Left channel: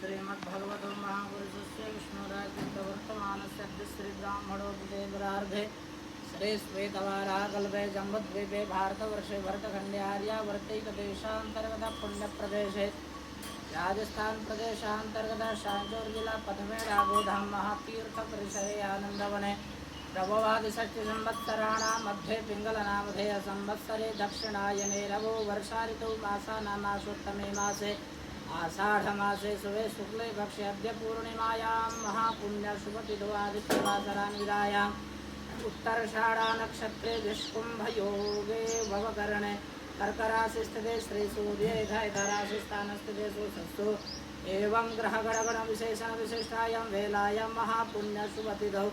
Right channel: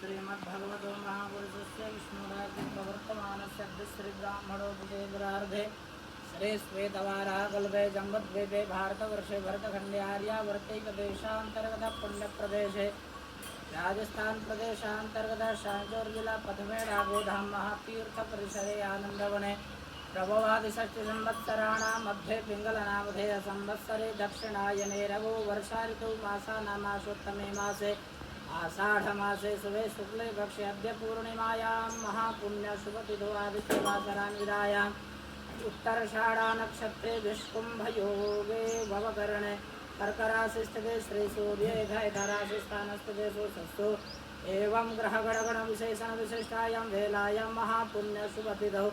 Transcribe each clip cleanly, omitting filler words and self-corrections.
श्रीमद्भगवतो महापुरुषस्य विष्णुराजवर्तमानस्य श्रीब्राह्मणोपदेवरार्धे श्री श्वेतवाराकल्पे जम्बद्वीपे भारतवर्षे भरतखण्डे आर्यावर्तैकदेशान्तर्गत पुण्यप्रदेशे राजस्थान प्रदेशान्तर्गत शांचोर जिला प्रथमे राघोधाम महातीर्थपरिसरे आनंदवने प्रभवादिषष्टि संवत्सराणां मध्ये पिंगलनामधेय संवत्सरे दक्षिणायने रघु वर्षा ऋतु मासानामासोत्तमे मासे आषाढ़मासे शुभे शुक्ले पक्षे अद्य पूर्णिमायां महापुण्य शुभतिथो आदित्यवासरान्वितायाम् उत्तराषाढ़ा नक्षत्रे विष्कुम्भयोगे भवकरणे कर्करासि स्थिते श्रीसूर्ये स्थानस्थिते सुसस्तु एवं ग्रहगणगण विशेषण विशिष्टायां वेलायां महापुण्य शुभतिथौ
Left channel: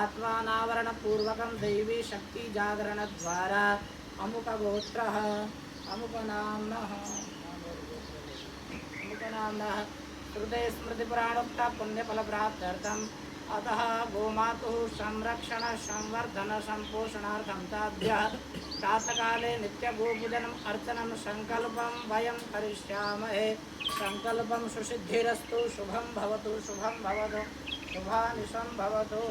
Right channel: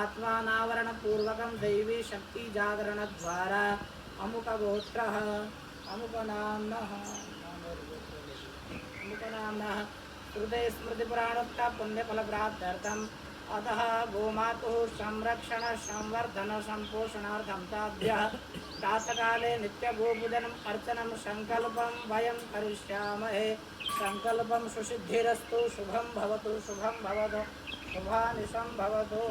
आत्मानावरणपूर्वकं दैवी शक्ति जागरण द्वारा अमुकगोत्रः अमुकनाम्नः श्रुते स्मृतिपुराणोक्ता पुण्यफलप्राप्त्यर्थम् अतः गोमातुः संरक्षण संवर्धन संपोषणार्थं ताभ्यः प्रातःकाले नित्यगोपूजनम् अर्चनं संकल्पं वयं करिष्यामहे। संकल्पं सुसिद्धिरस्तु शुभं भवतु शुभानिशं भवतु।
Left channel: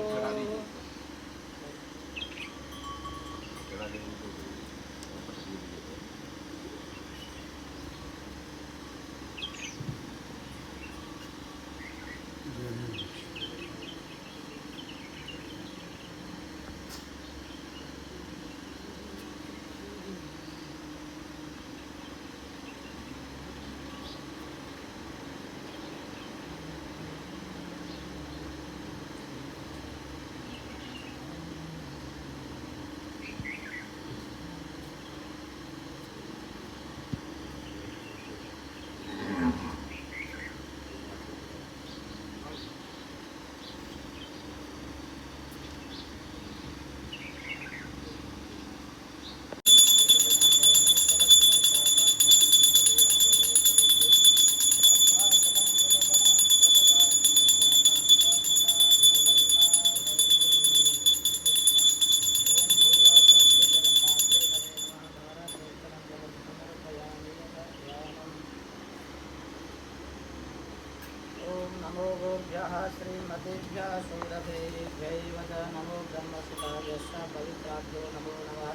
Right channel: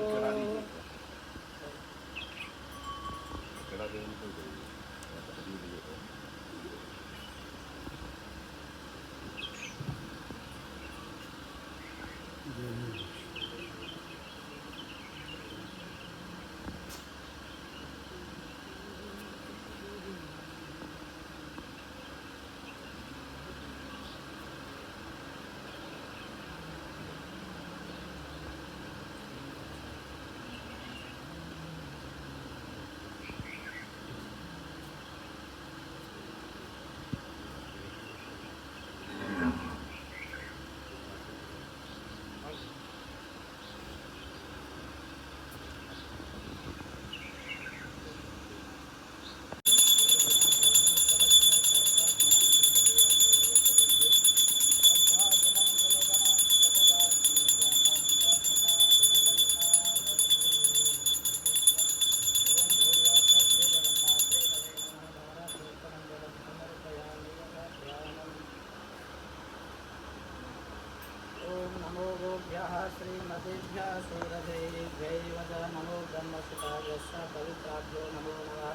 नमो गोभ्यः श्रीमतीभ्यः शूरभेभ्यैव च नमो ब्रह्मसुताभ्यश्च पवित्राभ्यो नमो नमः।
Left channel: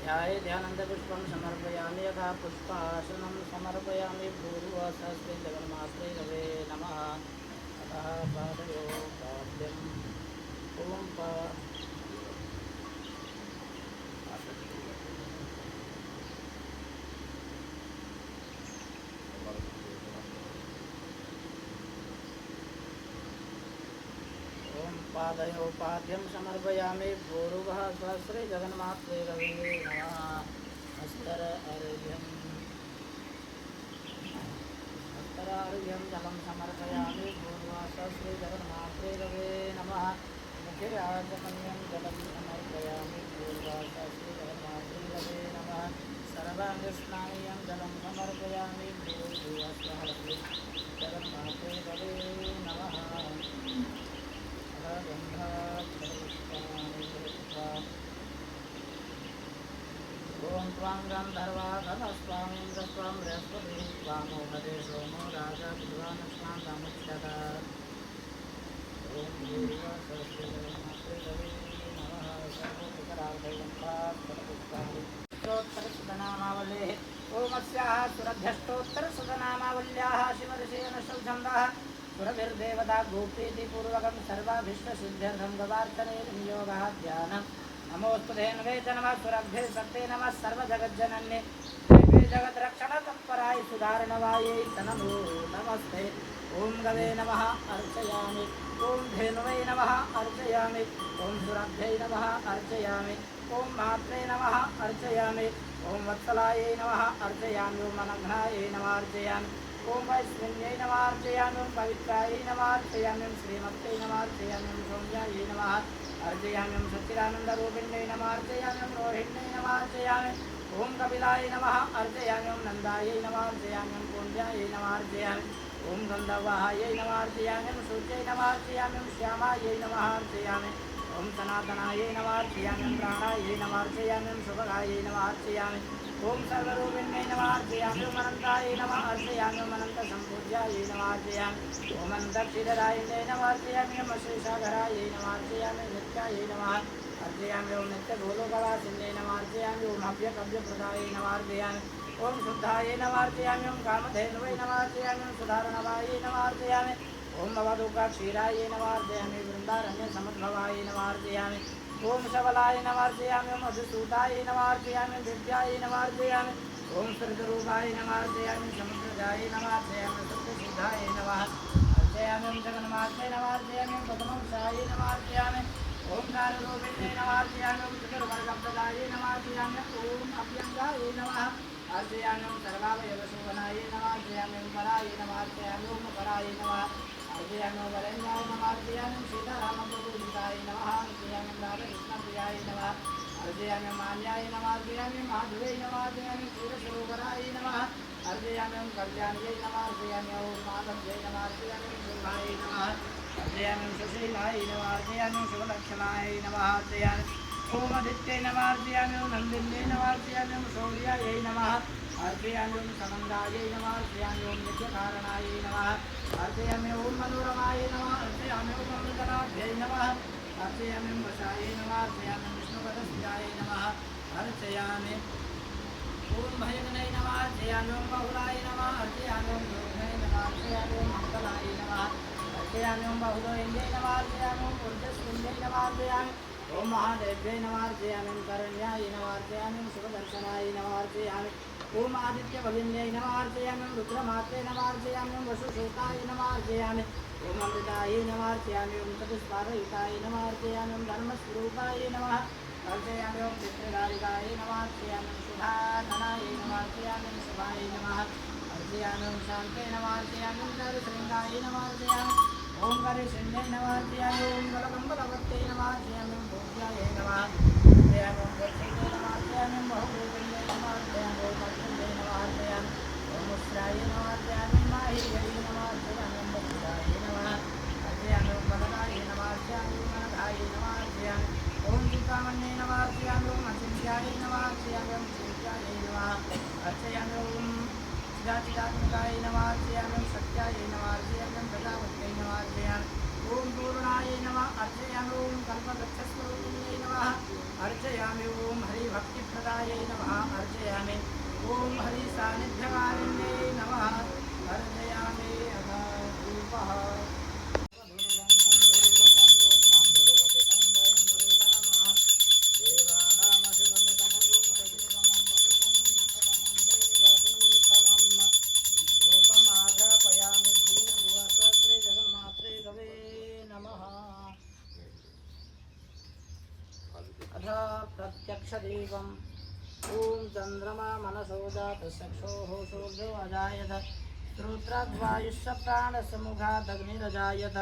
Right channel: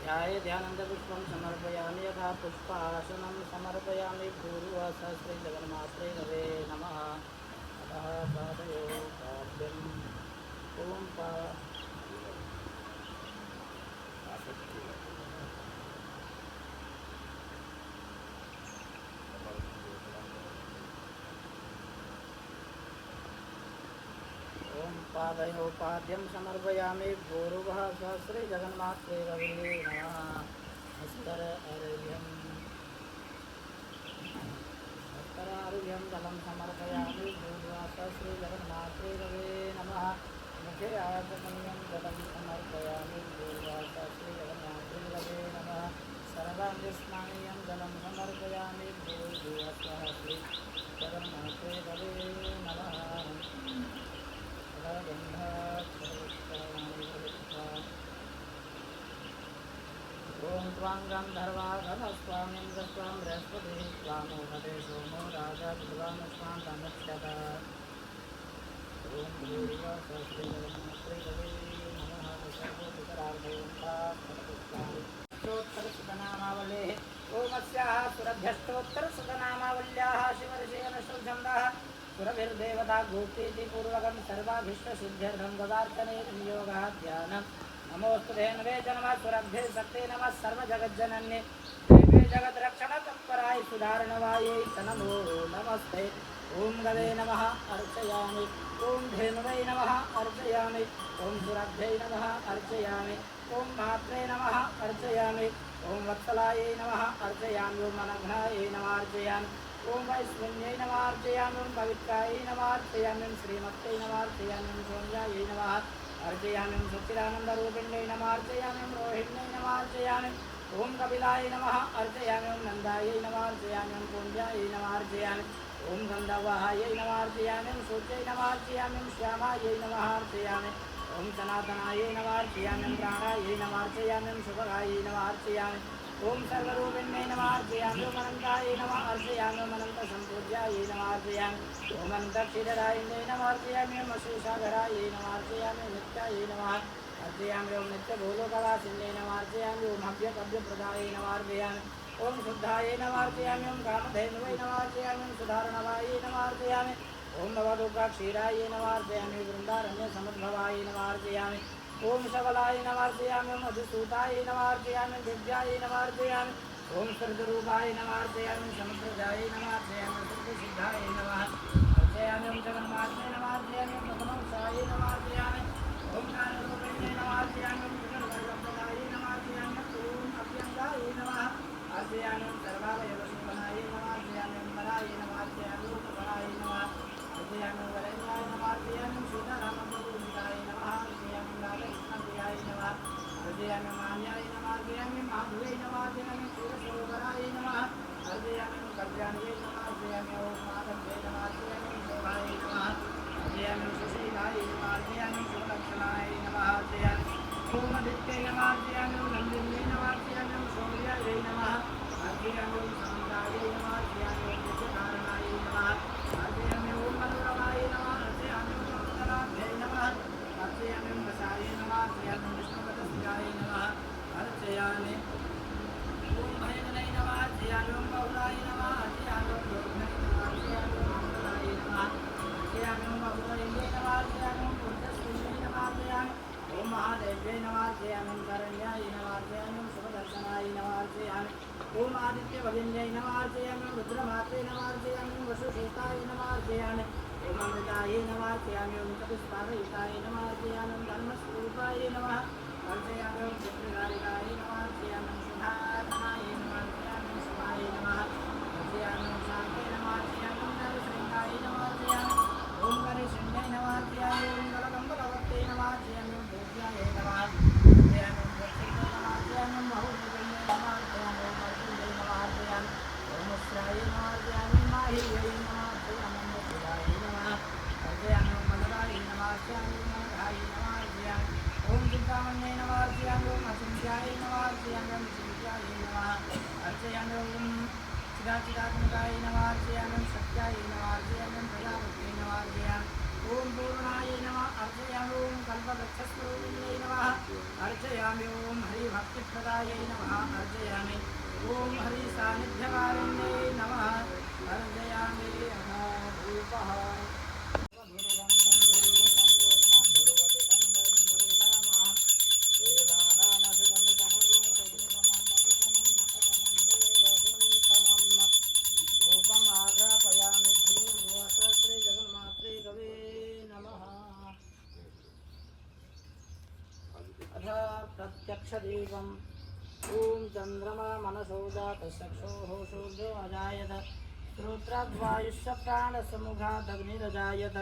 ध्याये ध्यानन्दपुष्पं समर्पयामि यथा पुष्पासनं समर्पयामि पूर्वस श्रीजगन्मात्रे रवे नमः। अतः पादयो पाद्यम् ॐ पादयो पाद्यं समर्पयामि भूर्भुवः स्वस्ति जगन्मात्रे रवे नमः। हस्तरार्घ्यं जलं समर्पयामि भूर्भुवः स्वस्ति जगन्मात्रे रवे नमः। मुखे आचमनीयं जलं समर्पयामि भूर्भुवः स्वस्ति जगन्मात्रे रवे नमः। सर्वाङ्गस्नानीयं जलं समर्पयामि भूर्भुवः स्वस्ति जगन्मात्रे रवे नमः। ओम त्वां गन्धर्वाघनस्वामीं स्वां बृहस्पतिः स्वामोहदे सोमो राजा विद्वान् स्वां समुच्यत। ओम भूर्भुवः स्वस्ति जगन्मात्रे रवे नमः। सर्वोपकारार्थयन्तात्तरसुतनामावलेः ओमस्याः सुरभ्यष्टोत्तरसुतनामावल्याः शिवऋषयनशौछन्दः सुरभिर्देवता गोप्तीति पूर्वकं सर्वाभीष्टसिद्ध्यर्थं गवार्तने नियोगः ध्यानम्। नमोऽस्तु धेनवे च नमः सुरभ्ये शक्ते नमः सर्वजगज्जनन्ये देवे जगद्रक्षणतत्पराय सुधारणवायै च नमो नमस्ते। ओं गवे नमः अर्चयामि, ओं धेनवे नमः अर्चयामि, ओं सुरभ्यै नमः अर्चयामि, ओं मात्रे नमः अर्चयामि, ओं वत्सलायै नमः अर्चयामि, ओं अनघ्नायै नमः अर्चयामि, ओं वैष्णव्यै नमः अर्चयामि, ओं पवित्रायै नमः अर्चयामि, ओं श्रीमत्यै नमः अर्चयामि, ओं सौम्यायै नमः अर्चयामि, ओं सच्चिदानन्दरूपिण्यै नमः अर्चयामि, ओं रोहिण्यै नमः अर्चयामि, ओं कपिलायै नमः अर्चयामि, ओं नन्दायै नमः अर्चयामि, ओं कुञ्जायै नमः अर्चयामि, ओं गन्धर्वायै नमः अर्चयामि, ओं सूर्यै नमः अर्चयामि, ओं श्यामायै नमः अर्चयामि, ओम सनातनाय नमः अर्चयामि प्राणाय नमः अर्चयामि शुभगाय नमः अर्चयामि ओम सर्वरूपिण्यै नमः अर्चयामि ओम अनन्ताय नमः अर्चयामि ओम अनन्त सम्पूज्याय नमः अर्चयामि ओम अनन्तक्षीररायिण्यै नमः अर्चयामि ओम शेषाधराय नमः अर्चयामि नित्याय नमः अर्चयामि ओम नित्यभूलोकवासिन्यै नमः अर्चयामि ओम हव्यकव्यप्रदाय नमः अर्चयामि ओम शुद्धाय नमः अर्चयामि ओम कामधेनुवै नमः अर्चयामि ओम सुधारणवाय नमः अर्चयामि ओम भवदुःखक्षीराय नमः अर्चयामि वृन्दारण्यसमुद्भवाय नमः अर्चयामि ओम सबलाय नमः अर्चयामि ओम मधुसूताय नमः अर्चयामि दिव्याय नमः अर्चयामि ओम सृजरूपाय नमः अर्चयामि समुद्रजाय नमः अर्चयामि सत्यशुद्धाय नमः अर्चयामि ओम जगन्मात्रे नमः अर्चयामि ओम पद्मवंशाय नमः अर्चयामि ओम कालरूपिण्ये नमः अर्चयामि ओम सुगर्वगब्ददाय नमः अर्चयामि ओम अभ्यङ्गाय नमः अर्चयामि ओम सर्वावयवशोभनाय नमः अर्चयामि ओम कराय नमः अर्चयामि ओम कराय नमः अर्चयामि ओम वरण्याय नमः अर्चयामि ओम सीतारामदूताय नमः अर्चयामि ओम राधाकृष्णप्रियाय नमः अर्चयामि ओम मान्याय नमः अर्चयामि ओम माधवे नमः अर्चयामि ओम क्षीरसरोवराय नमः अर्चयामि ओम कल्याण्यै नमः अर्चयामि ओम माधव्यै नमः अर्चयामि ओम शोभाय नमः अर्चयामि ओम सुशीलाय नमः अर्चयामि ओम शिवलक्षणाय नमः अर्चयामि ओम आदित्यै नमः अर्चयामि ओम नन्दिन्यै नमः अर्चयामि ओम शौर्यायै नमः अर्चयामि ओम समन्दायै नमः अर्चयामि ओम नित्यकारणाय नमः अर्चयामि ओम मनोरमाय नमः अर्चयामि ओम सर्वजनाभ्यै नमः अर्चयामि ओम वशाय नमः अर्चयामि ओम विष्णुपदस्याय नमः अर्चयामि ओम भयजनै नमः अर्चयामि ओम बहुलाय नमः अर्चयामि ओम योगिनै नमः अर्चयामि ओम मंगलाय नमः अर्चयामि ओम बहुलोयिन्यै नमः अर्चयामि ओम ऊर्जस्विन्यै नमः अर्चयामि ओम महादेव्यै नमः अर्चयामि ओम करण्याय नमः अर्चयामि ओम शुभदर्शनाय नमः अर्चयामि ओम आदित्यभगिन्यै नमः अर्चयामि ओम रुद्रमात्रे नमः अर्चयामि ओम वसुसूताय नमः अर्चयामि ओम अमृताय नमः अर्चयामि ओम चतुष्पादयुताय नमः अर्चयामि ओम धर्मस्वरूपाय नमः अर्चयामि ओम चित्रधारिकाय नमः अर्चयामि ओम शुभाधनाय नमः अर्चयामि ओम शुभाय नमः अर्चयामि ओम शान्ते नमः अर्चयामि ओम नरसिंहाय नमः अर्चयामि ओम गणेशाय नमः अर्चयामि ओम बलवन्तवत्यै नमः अर्चयामि ओम भोज्याय नमः अर्चयामि ओम वत्सले नमः अर्चयामि ओम बहुरूपिण्ये नमः अर्चयामि ओम अखिले नमः अर्चयामि ओम मुस्राय नमः अर्चयामि ओम माहिर्यै नमः अर्चयामि ओम मुक्ताय नमः अर्चयामि ओम बलवाय नमः अर्चयामि ओम अनघाय नमः अर्चयामि ओम चिन्तामण्ये नमः अर्चयामि ओम अचिन्त्याय नमः अर्चयामि ओम चिन्त्याय नमः अर्चयामि ओम चिदाचिदात्मकाय नमः अर्चयामि ओम सत्याय नमः अर्चयामि ओम प्रजापत्यै नमः अर्चयामि ओम पूर्णाय नमः अर्चयामि ओम कल्पवृक्षस्वरूपिण्यै नमः अर्चयामि ओम हरिभक्तिप्रदायै नमः अर्चयामि ओम हरिसान्निध्यकारिण्यै नमः अर्चयामि अधारूपः प्रत्यक्षदीपम् ओम चंद्रमा मनसो जातचक्षुः सूर्यो अजायत श्रोत्राद्वायुश्च प्राणसमुखादग्निरजायत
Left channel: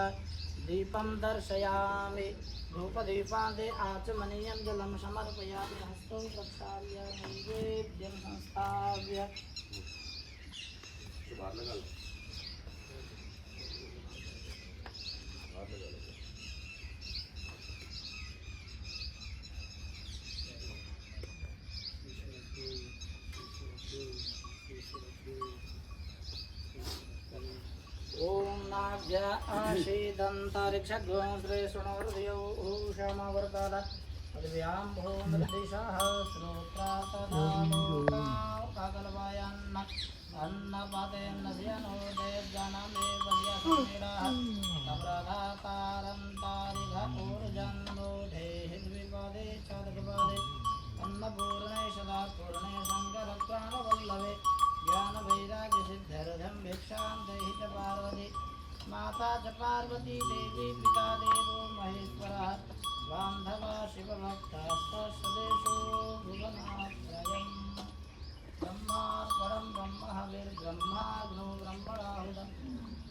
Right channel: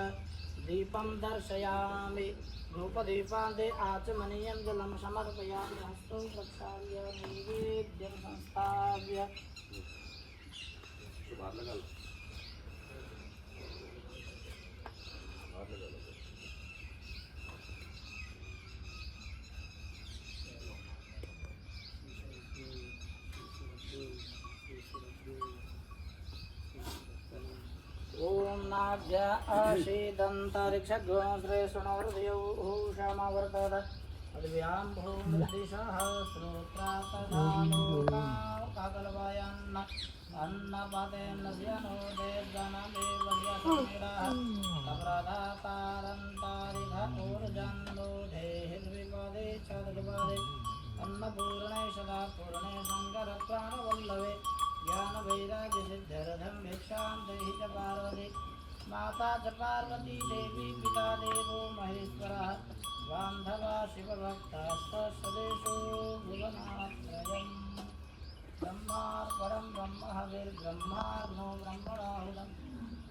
दीपं दर्शयामि धूपदीपान्ते आचमनीयं जलं समर्पयामि हस्तौ प्रक्षाल्य नैवेद्यं संस्थाप्य ओम नाभ्य आशीदन्तरिक्षगोश्रे शृणोर्दयोषमवर्तत अद्भ्यां भूमिर्दिशः श्रोत्रातदालोकाकल्पयन्न अन्नपतेन्नस्य नो देवगणमेव यस्मिरः तप्रधातारन्तारिघ ऊर्जन्नोढे हिद्विपदे चदुर्पदे अन्नपूर्णे सदा पूर्णे शङ्करप्राणवल्लभे ज्ञानवैराग्यसिद्ध्यर्थं भिक्षां देहि च पार्वती माता च पार्वती देवी पिता देवो महेश्वरः बान्धवा शिवभक्ताश्च स्वदेशो भुवनात्रयम् ब्रह्मार्पणं ब्रह्म हविर्ब्रह्माग्नो ब्रह्मणाहुतं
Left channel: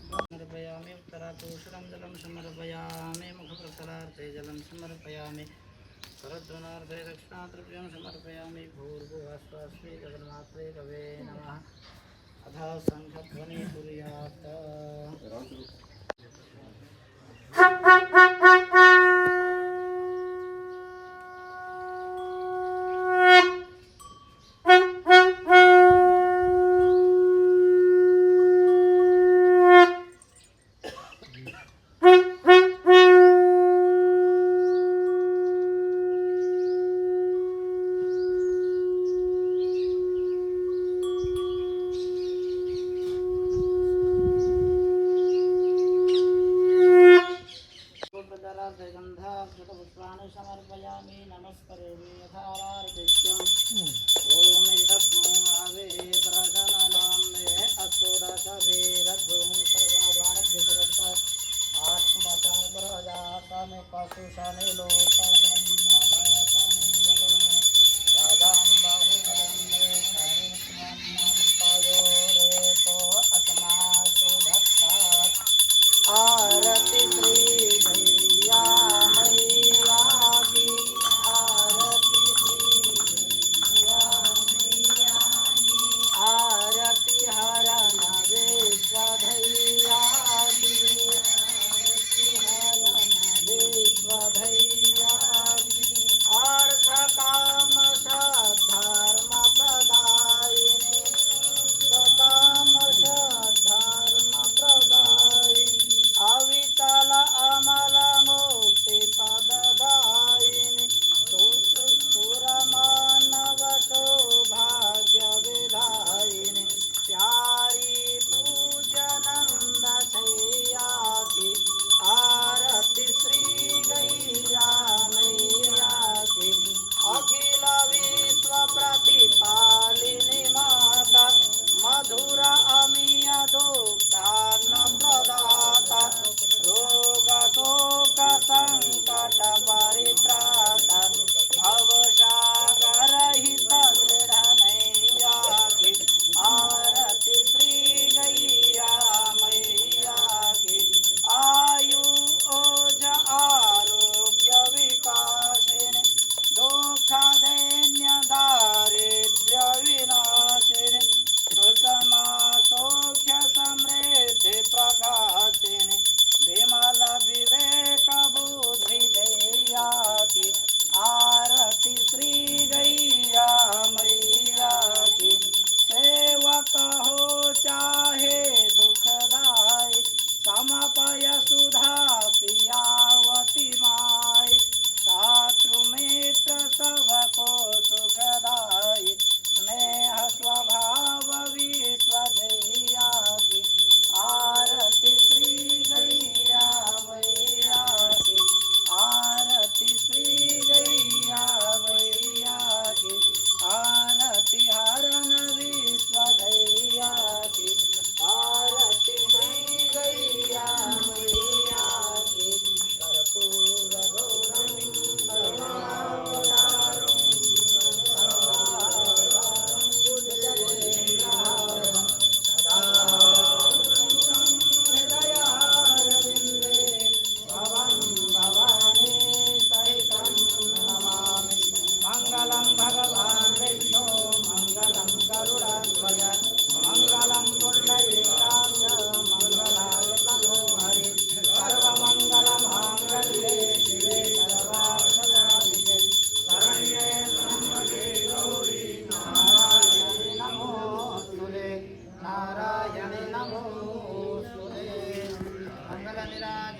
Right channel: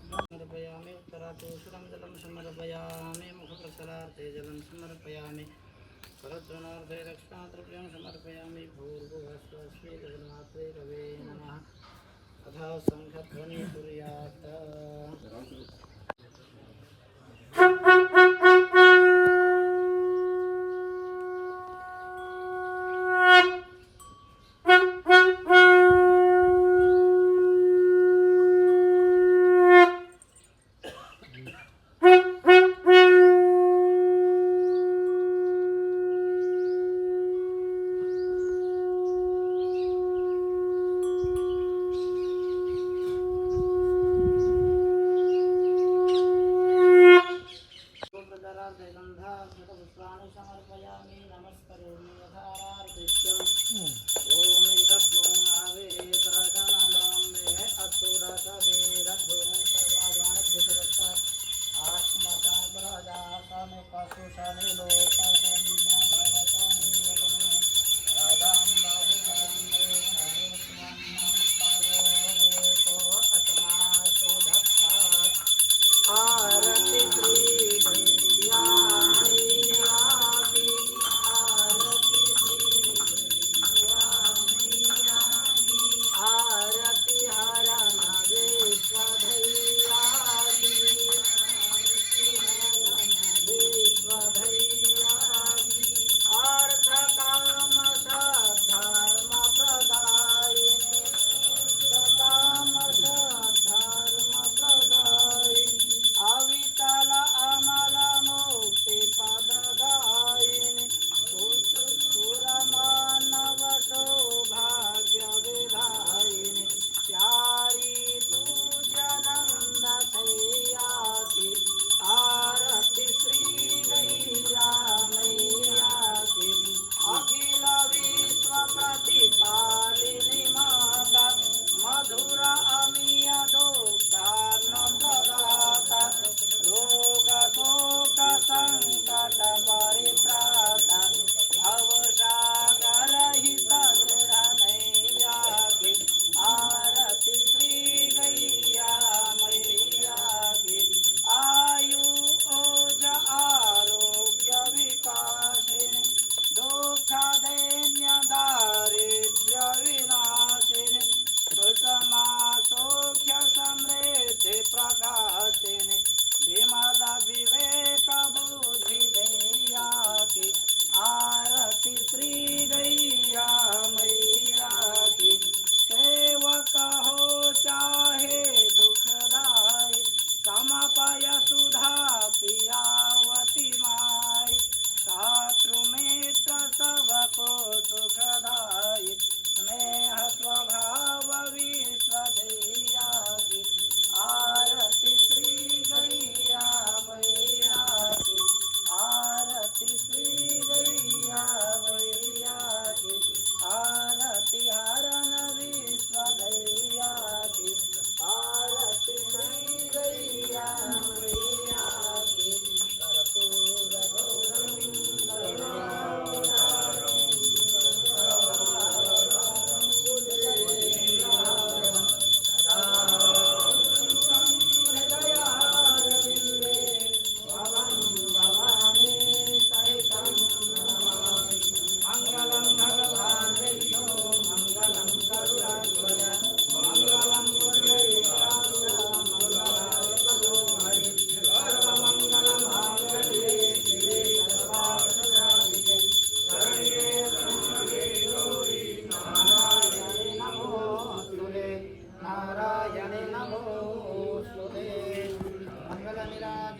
समर्पयामि उत्तरापूषणं जलं समर्पयामि मुखप्रतलार्थे जलं समर्पयामि करद्वनार्थे दक्षिणाद्रव्यं समर्पयामि भूर्भुवस्वस्मै जगन्मात्रे रवे नमः अथ शङ्खध्वनिः कुर्यात्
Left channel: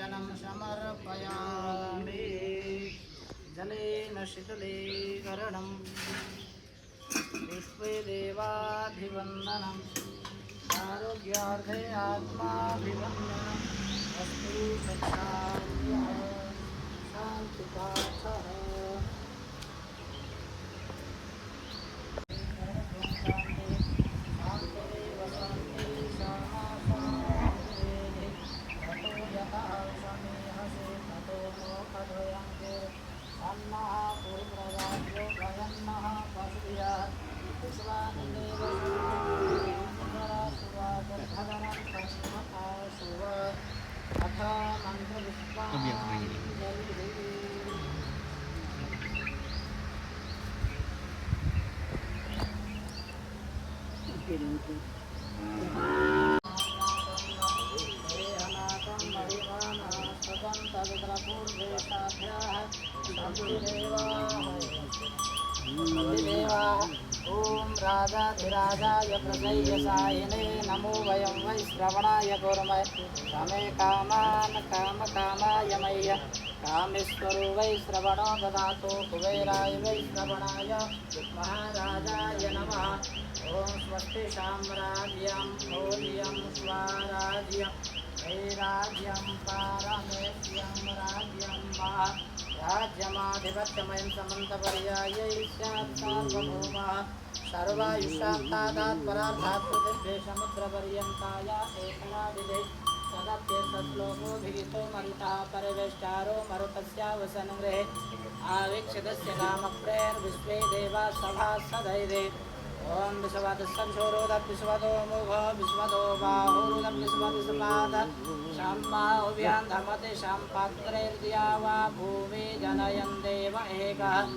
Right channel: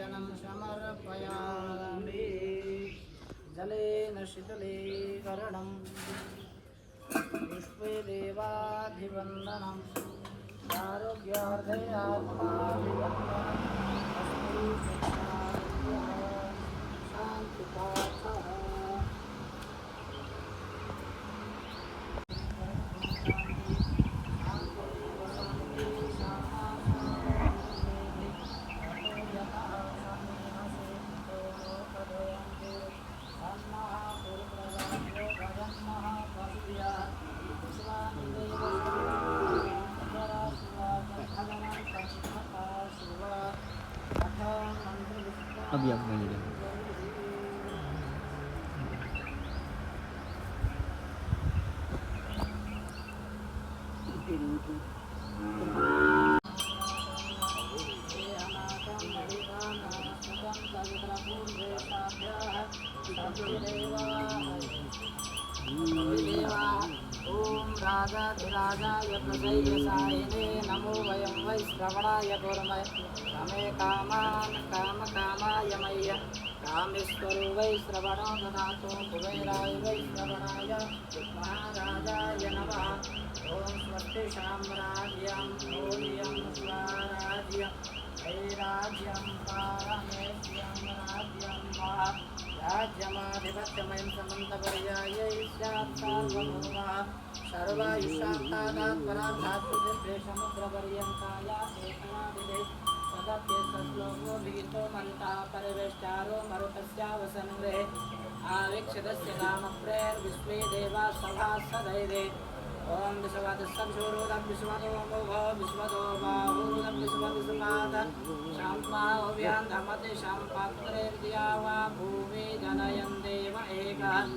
पूजनं समर्पयामि जलेन शीतलीकरणं विश्वे देवाभिवन्दनम् आरोग्यार्थे आत्माभिवन्दनम् अस्तु सत्कार्यः शान्तिपाठः अभी आप वहीं ओम राजाधिराजाय प्रसय्यसायिने नमो वयं वै श्रवणाय कुर्मः कामे कामान् कामकामाय मय्य कामेश्वरो वै श्रवणो ददातु कुबेराय वै श्रवणाय महाराजाय नमः ओम स्वस्ति साम्राज्यं भोज्यं स्वाराज्यं वैराज्यं पारमेश्यं राज्यं वा राज्यमाधिपत्यमयं समन्तपर्यायै स्यात् सार्वभौमः सर्वायुष्यार्थादात् परार्थात् पृथिव्ये समुद्रपर्यन्ताया एकमादिदे तदप्यर्थश्लोको विहितो मरुतः परिवेष्टारो मरुतस्यावसनगृहे आवीक्षितस्य कामप्रेर्विश्वे देवाः सभासदैवे ओम विश्ववदस्संशोरोदविश्वतो मोघो विश्वतो बाहुरुदविश्वविश्वाद शाम्पाहुव्यान्धमति शाम्पात्रेर्दिया वा भूमि जनयन् देव एकः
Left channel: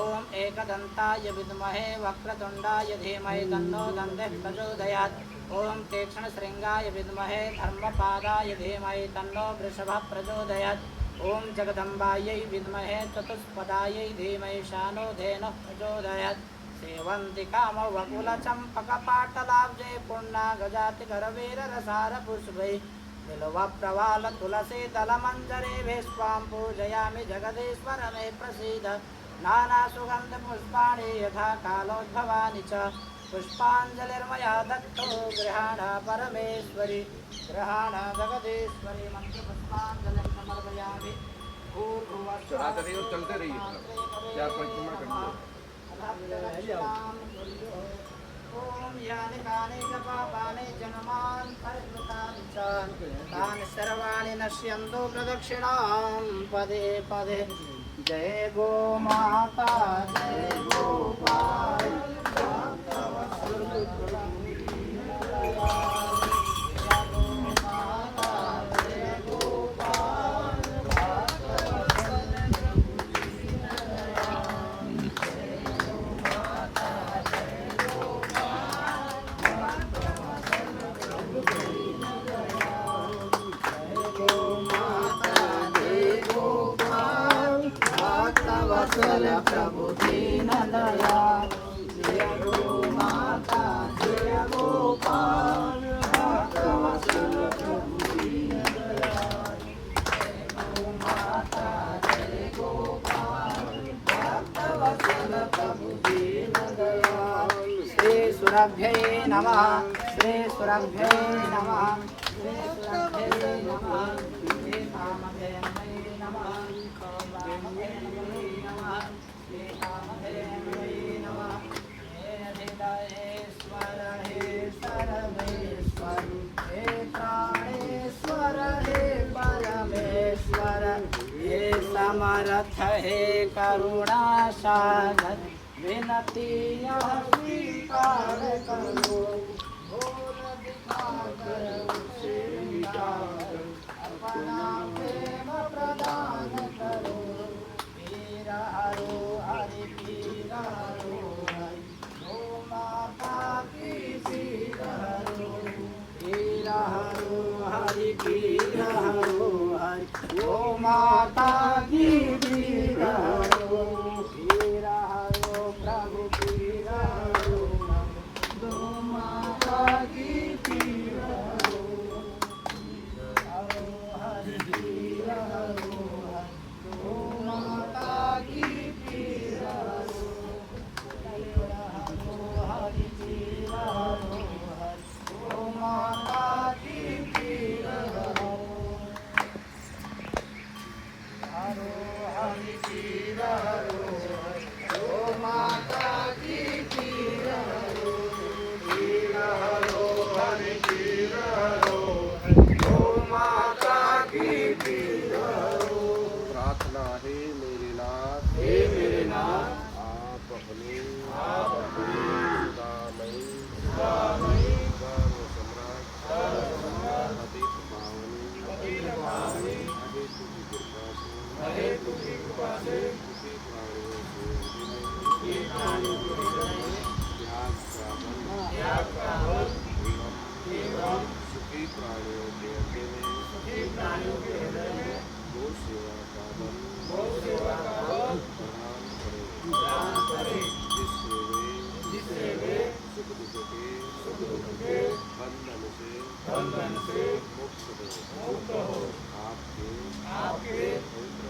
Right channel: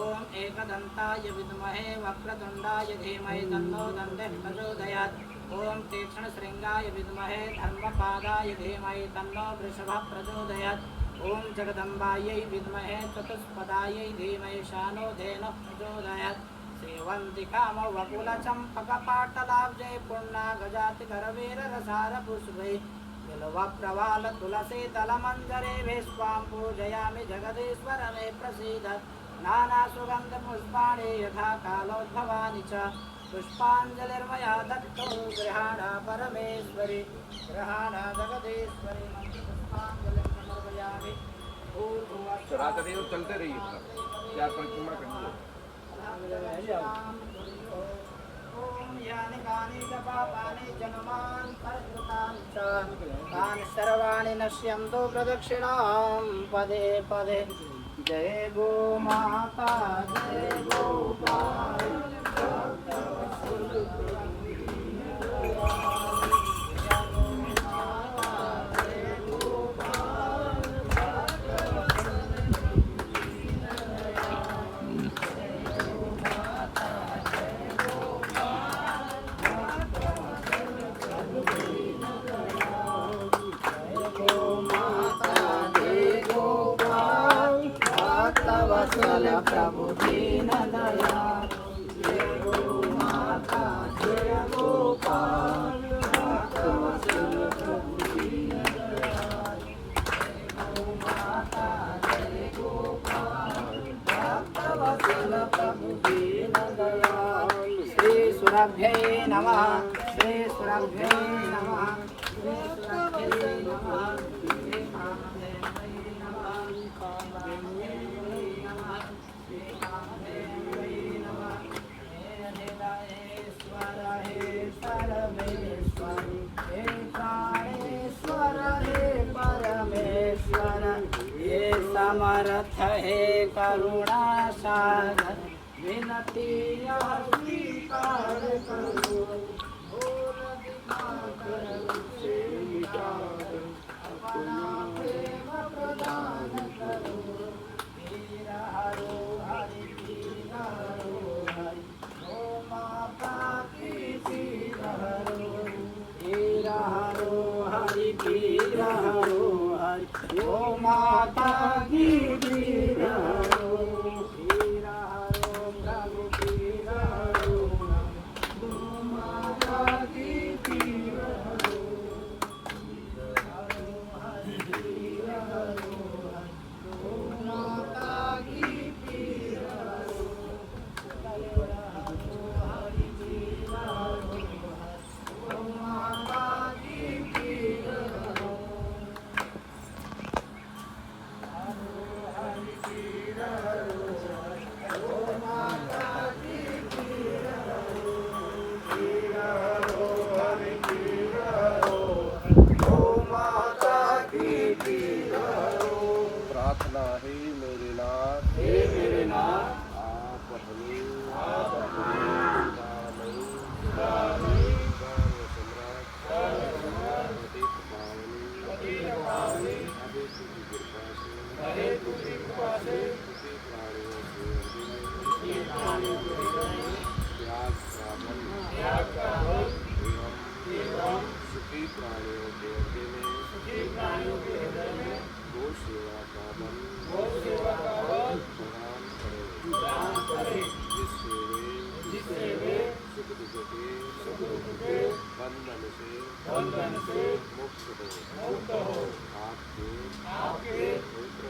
ओम एकदन्ताय विद्महे वक्रतुण्डाय धीमहि तन्नो दन्तिः प्रचोदयात् ओम तीक्ष्णशृङ्गाय विद्महे धर्मपादाय धीमहि तन्नो वृषभः प्रचोदयात् ओम जगदम्बायै विद्महे चतुष्पदायै धीमहि शानो धेनुः प्रचोदयात् सेवन्ति काम वकुल चंपक पाटलाब्जे पूर्णा गजाति करवीर रसार पुष्पै बिल्व प्रवाल तुलसी दल मंजरे भेष्वां पूजयामि जगदीश्वर मे प्रसीद नाना सुगंध पुष्पाणि यथा कालोद्भवानि च पुष्पाञ्जलिर्मया दत्तो गृहाण परमेश्वरी गृहाण जगदीश्वरी मंत्र पुष्पाञ्जलिं समर्पयामि चढ़ाते रहिए और चलते रहिए 4-5 किलोमीटर करते ओम यानि कानि च पापानि जन्मान् परिकृतानि च तानि सर्वाणि नश्यन्तु प्रदक्षिणां पदे पदे जय गो माता जय गोपाल प्रभु दीन दया जय गो माता जय गोपाल भक्तवत्सल प्रभु दीन दया जय गो माता जय गोपाल भक्तवत्सल प्रभु दीन दया श्री सुरभ्यै नमः श्री सुरभ्यै नमः श्री सुरभ्यै नमः श्री कामधेनवे नमः समर्थ हे करुणा सागर विनती यह स्वीकार करो भूल दिखाकर उसे मिटा दो अपना प्रेम प्रदान करो वीर हरो हरि वीर हरो हरि गो माता की वीर हरो वीर हरो हरि वीर हरो हरि गो माता की वीर हरो वीर हरो प्रभु वीर हरो गो माता की वीर हरो हरि वीर प्रार्थना है मेरे नाथ, आप अपनी सुधामयी सर्वसम्राट पतित पावनी अहेतु की कृपा से सुखी प्राणियों के हृदय में त्याग का बल एवं सुखी प्राणियों के हृदय में गौ सेवा का बल प्रदान करे, जिससे वे सुख दुख के बंधन से मुक्त हो आपके पवित्र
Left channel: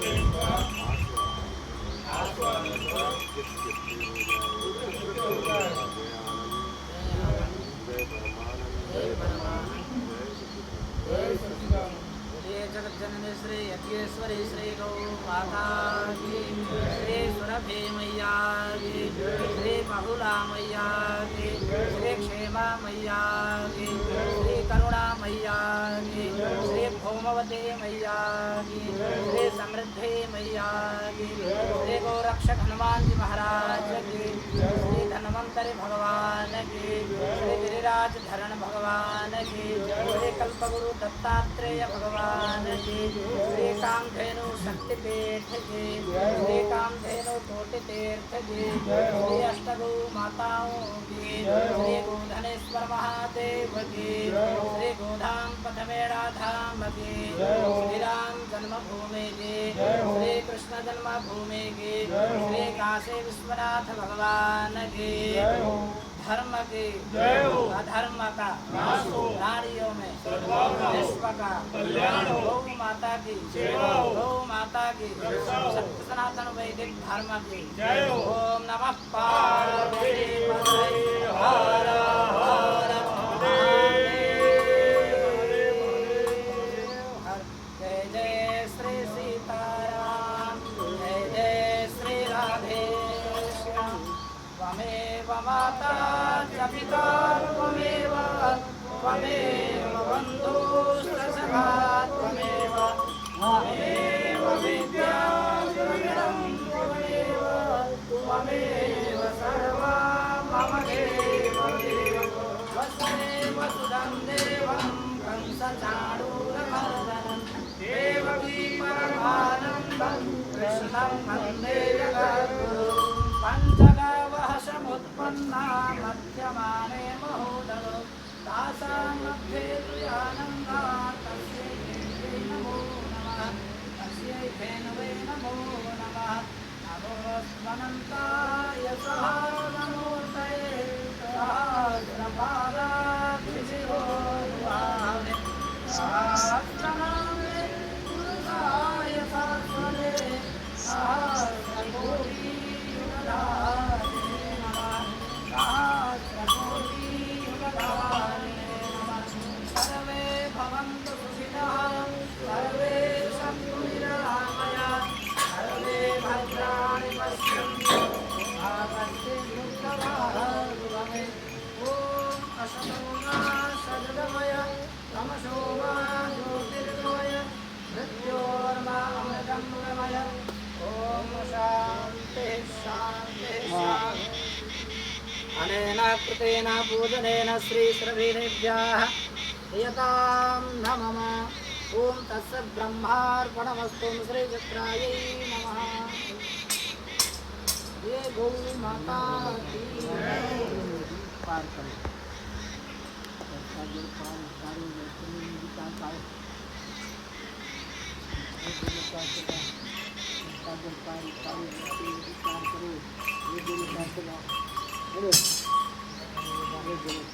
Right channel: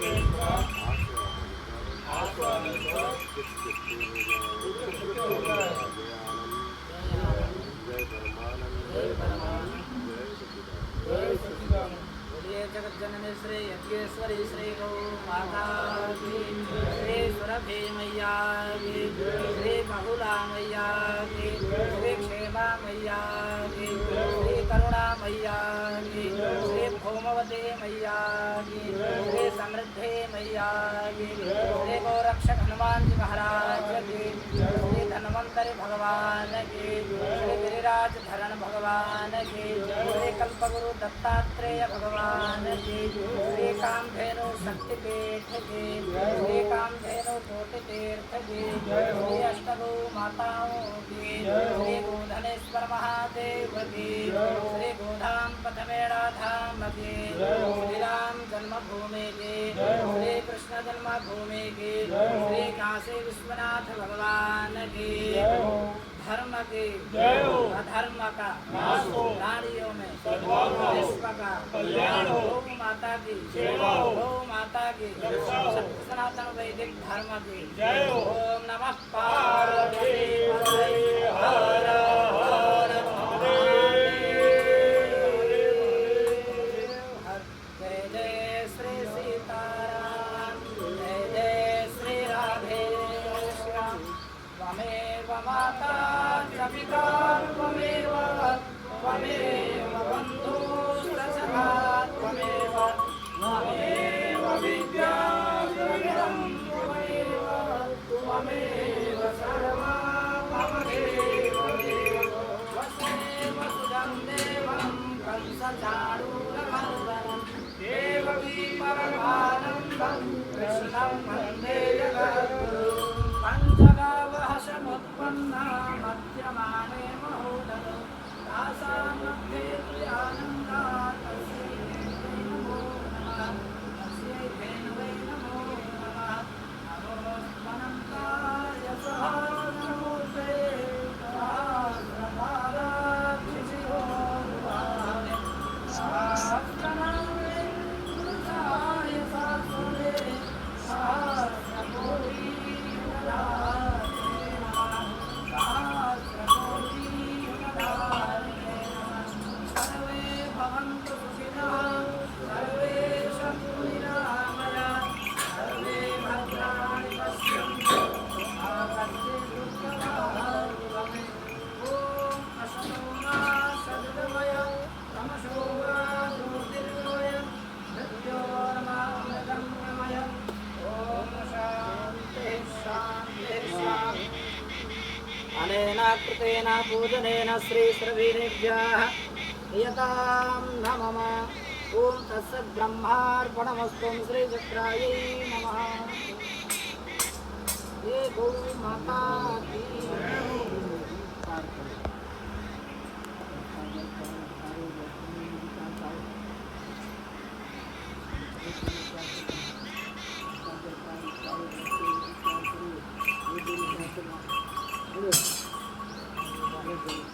प्रेम का आस्वादन कर चित्त हो जाए। जय आनंद, जय परमानंद, जय सच्चिदानंद। बोलिए जगत जननी श्री यज्ञेश्वरी श्री गौ माता की, श्री सुरभि मैया की, श्री बहुला मैया की, श्री क्षेमा मैया की, श्री करुणा मैया की, श्री भौमवती मैया की, श्री समृद्धि मैया की, श्री गोरक्षक हनुमान जी महाराज की, श्री धन्वंतरि भगवान की, श्री गिरिराज धरण भगवान की, श्री कल्पगुरु दत्तात्रेय भगवान की, श्री कामधेनु शक्तिपीठ की, श्री कामधेनु कोटि तीर्थ की, श्री अष्टगु माताओं की, श्री गोधनेश्वर महादेव की, श्री गोधाम पथमेड़ा धाम की, श्री राम जन्मभूमि की, श्री कृष्ण जन्मभूमि की, श्री काशी विश्वनाथ भगवान की, धर्म की अधर्म का नारियों में विश्व का गौ माता की सत्य सनातन वैदिक धर्म की। ओम नमः पार्वती पतये हर हर महादेव। जय जय श्री सीताराम, जय जय श्री राधे श्याम। त्वमेव माता च पिता त्वमेव बन्धुः सखा त्वमेव विद्या द्रविणं त्वमेव सर्वं मम देवदेव। वसुदेव सुतं देवं कंसचाणूरमर्दनं देवकी परमानन्दं कृष्णं वन्दे जगद्गुरुं। पञ्चगावः समुत्पन्ना मध्यमाने महोदरो तासां मध्ये तुयानन्दा तस्यै देव्यै नमो नमः, तस्यै धेनवे नमो नमः। नमोऽस्मन्ताय सहस्रमूर्तये सहस्रपादाभिषिकोरुभावे सहस्रनामे पुरुषाय शाश्वते सहस्रकोटियुगधारिणे नमः, सहस्रकोटियुगधारिणे नमः। सर्वे भवन्तु सुखिनः, सर्वे सन्तु निरामयाः, सर्वे भद्राणि पश्यन्तु मा कश्चित् दुःखभाग्भवेत्। ॐ असतो मा सद्गमय तमसो मा ज्योतिर्गमय मृत्योर्मामृतं गमय। ॐ शान्तिः शान्तिः शान्तिः। अनेन कृतेन पूजनेन श्रीश्रवीरेभ्यः प्रियतां नमः। ॐ तत्सत् ब्रह्मार्पणमस्तु। श्रीचक्रायै नमः। ये गौ माता की पार करो। ऐसा जल पार सारे वैसे में विचार खाओ। ऐसा जल पार सारे वैसे विचार करो। ये दोनों विचार करो। बोलो। ये दोनों